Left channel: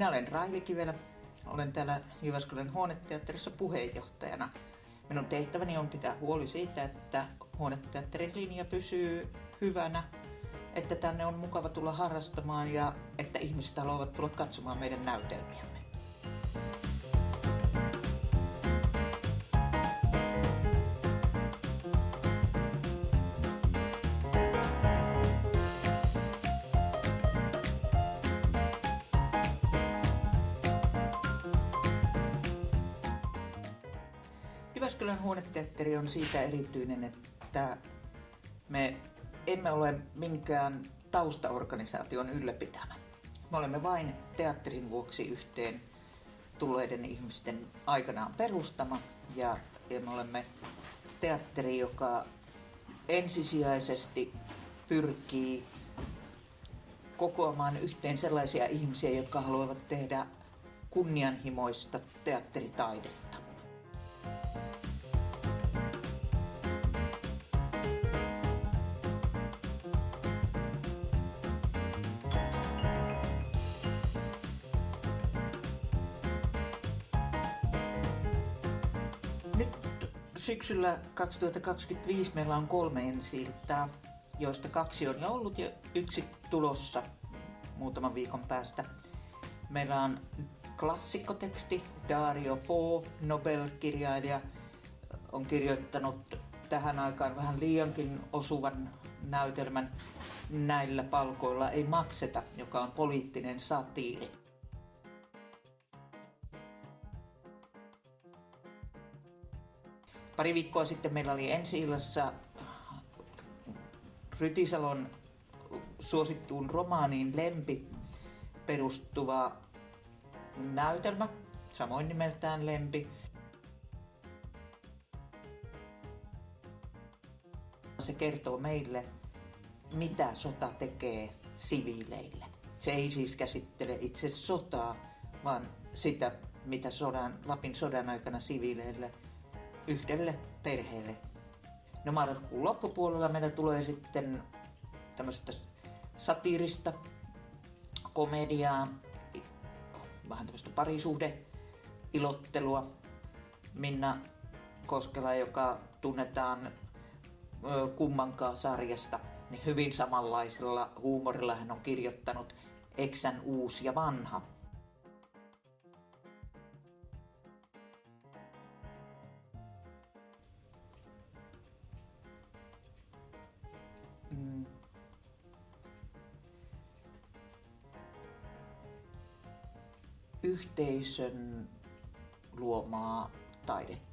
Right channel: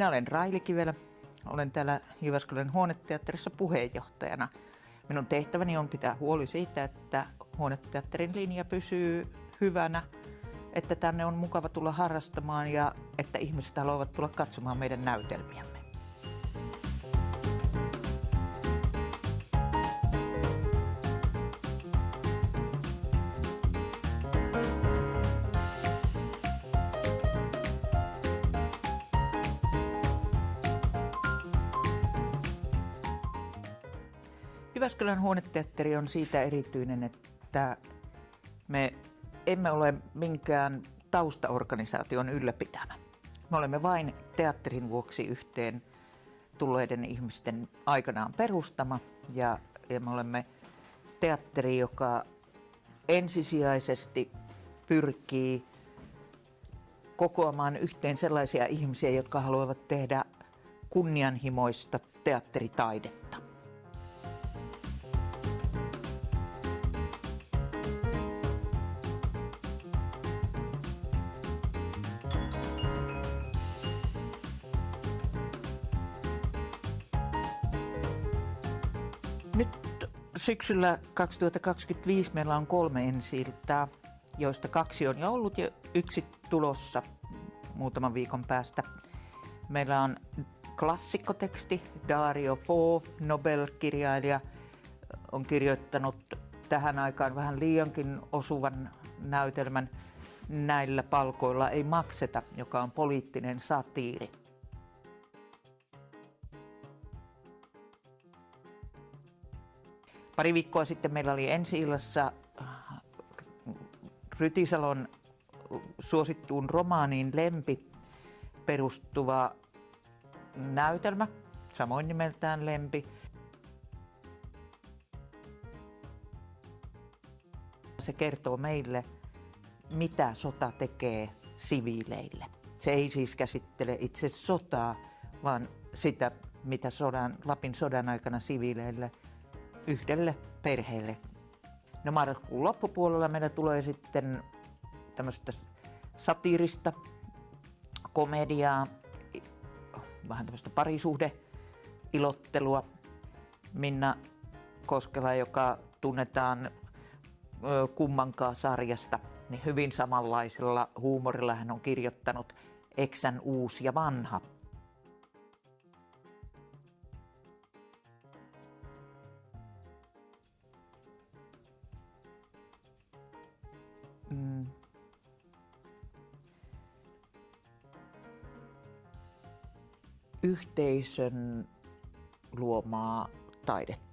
Minä olen Raili Kivelä. Olen täällä Jyväskylän Huoneteatterissa puheenjohtajana. Minun tehtäväni on pitää huoli siitä, että Huoneteatterin linja pysyy hyvänä, että tänne on mukava tulla harrastamaan ja että ihmiset haluavat tulla katsomaan meidän näytelmiämme. Jyväskylän Huoneteatteri on siitä erityinen, että me emme ole minkään taustaorganisaation ylläpitämä. Me olemme vain teatterin vuoksi yhteen tulleiden ihmisten aikanaan perustama ja me olemme teatteri, joka ensisijaisesti pyrkii kokoamaan yhteen sellaisia ihmisiä, jotka haluavat tehdä kunnianhimoista teatteritaidetta. Nyt syksyllä 2025 meillä on 3 ensi-iltaa, joista 2 on jo ollut ja 1 tulossa muutaman viikon päästä. Meillä on klassikkoteksti. Dario Fo, Nobel-kirjailija, on kirjoittanut tähän aikaan vähän liiankin osuvan näytelmän Näillä palkoilla ei makseta, joka on poliittinen satiiri. Pari viikkoa sitten meillä oli ensi-illassa Rytisalon suosittuun romaaniin Lempi perustuva näytelmä, samoin nimeltään Lempi. Se kertoo meille, mitä sota tekee siviileille. Se ei siis käsittele itse sotaa, vaan sitä, mitä Lapin sodan aikana siviileille yhdelle perheelle. No marraskuun loppupuolella meillä tulee sitten tämmöistä satiirista komediaa, vähän tämmöistä parisuhdeilottelua. Minna Koskela, joka tunnetaan Kummankaan sarjasta, niin hyvin samanlaisella huumorilla hän on kirjoittanut Eksän uusi ja vanha. Yhteisön luomaa taidetta.